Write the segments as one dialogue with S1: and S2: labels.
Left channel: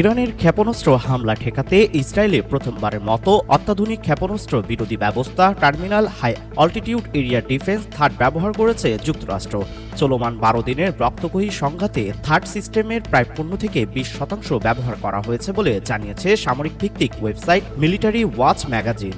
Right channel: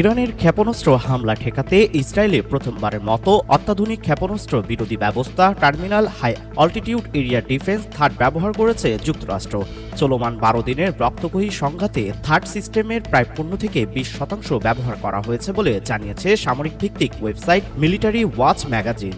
S1: ইরানের ক্ষেপণাস্ত্র হামলা ঠেকাতে ইসরায়েলে প্রথমবারের মতো অত্যাধুনিক ক্ষেপণাস্ত্র বিরোধী ব্যবস্থা terminal high altitude area defence THAAD ব্যবহার করেছে যুক্তরাষ্ট্র। চলমান বারো দিনের রক্তকহী সংঘাতে থার্ড সিস্টেমের প্রায় পনেরো থেকে বিশ শতাংশ ব্যবহার করা হয়েছে বলে জানিয়েছে সামরিক ভিত্তিক ওয়েবসাইট মিলিটারি ওয়াচ ম্যাগাজিন।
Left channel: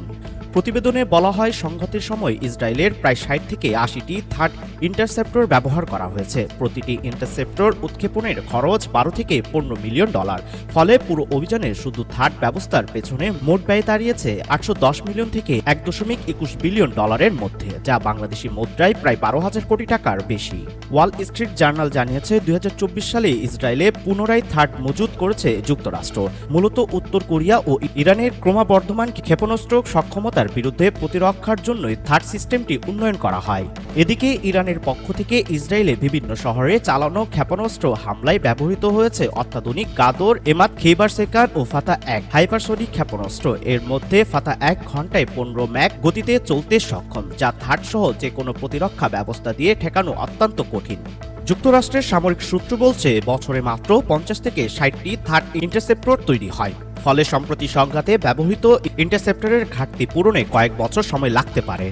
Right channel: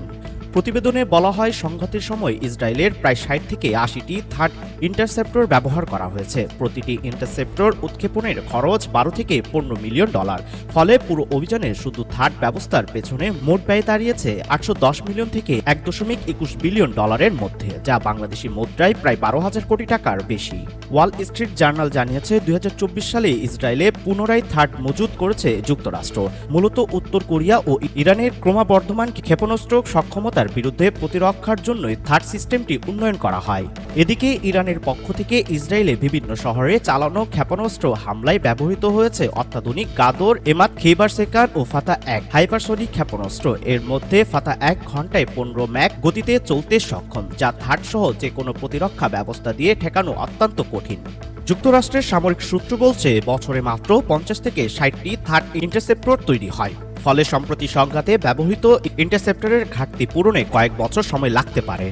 S1: প্রতিবেদনে বলা হয়, সংঘাতের সময় ইসরায়েলের প্রায় ষাট থেকে আশিটি থার্ড ইন্টারসেপ্টর ব্যবহার করা হয়েছে। প্রতিটি ইন্টারসেপ্টর উৎক্ষেপণের খরচ বারো থেকে পনেরো মিলিয়ন ডলার। ফলে পুরো অভিযানে শুধু থার্ড ব্যবস্থার পেছনে মোট ব্যয় দাঁড়িয়েছে আটশো দশ মিলিয়ন থেকে এক দশমিক একুশ বিলিয়ন ডলারের মধ্যে, যা বাংলাদেশি মুদ্রায় প্রায় বারো হাজার কোটি টাকার বেশি। ওয়াল স্ট্রিট জার্নাল জানিয়েছে, দুই হাজার চব্বিশ সালে ইসরায়েলে পুনরায় থার্ড মজুত করেছে যুক্তরাষ্ট্র। মূলত উত্তর কোরিয়া ও ইরানের ক্রমবর্ধমান ক্ষেপণাস্ত্র সক্ষমতার বিরুদ্ধে প্রতিরক্ষার জন্যই থার্ড সিস্টেমটি উন্নয়ন করা হয়। এদিকে ইরানের পক্ষ থেকে ইসরায়েলে বিভিন্ন শহরে চালানো ক্ষেপণাস্ত্র হামলায় ব্যবহৃত হয়েছে অত্যাধুনিক গাদর এমাত খেবার সেকার ও ফাতা এক হাইপারসনিক ক্ষেপণাস্ত্র। এর মধ্যে ফাতা এক ঘন্টায় পনেরো ম্যাক গতিতে চলতে সক্ষম, যা থার্ড সহ যে প্রতিরক্ষা ব্যবস্থা দিয়ে ঠেকানো অত্যন্ত কঠিন। যুক্তরাষ্ট্রের সামরিক সূত্র বলছে, বছরে মাত্র পঞ্চাশ থেকে ষাটটি থার্ড ইন্টারসেপ্টর তৈরি হয়। ফলে সম্প্রতি সংঘাতে ব্যবহৃত ইন্টারসেপ্টরের ঘাটতি পূরণে কয়েক বছর সময় লাগতে পারে।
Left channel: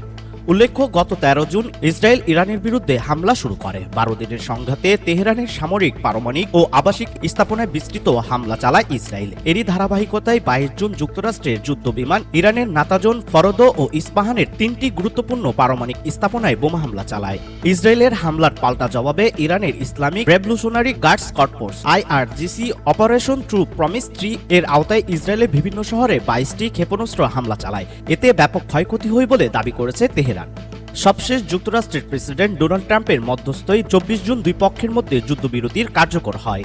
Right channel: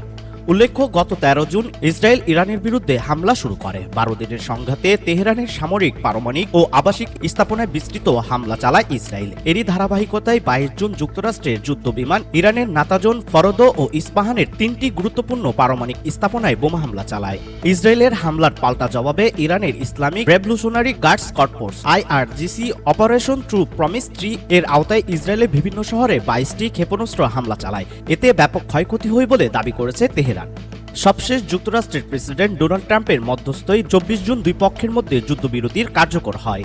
S1: উল্লেখ্য, গত তেরো জুন ইসরায়েল ইরানের বিরুদ্ধে হামলা শুরু করে। বারো দিনের সংঘাতে তেহরানের সামরিক, পারমাণবিক ও আবাসিক স্থাপনায় বিস্তৃত হামলা চালায় ইসরায়েল। এরই ধারাবাহিকতায় বাইশ জুন যুক্তরাষ্ট্রের যুদ্ধ বিমান ইরানের নাতাজন, ফরদ ও ইস্পাহানের তিনটি গুরুত্বপূর্ণ পারমাণবিক স্থাপনায় বোমা হামলা চালায়। ইসরায়েলের হামলার পাল্টা জবাবে ইরানের Islamic revolutionary guards corps IRGC, operation true promise three এর আওতায় ইসরায়েলের বিভিন্ন শহরে বাইশটি ক্ষেপণাস্ত্র হামলা চালায়। এতে ব্যাপক ক্ষয়ক্ষতি হয় বলে দাবি করেছে তেহরান। সবশেষ যুক্তরাষ্ট্রের প্রেসিডেন্ট ডোনাল্ড ট্রাম্পের মধ্যস্থই চব্বিশ জুন দুই পক্ষের মধ্যে যুদ্ধবিরতির কার্যকর হয়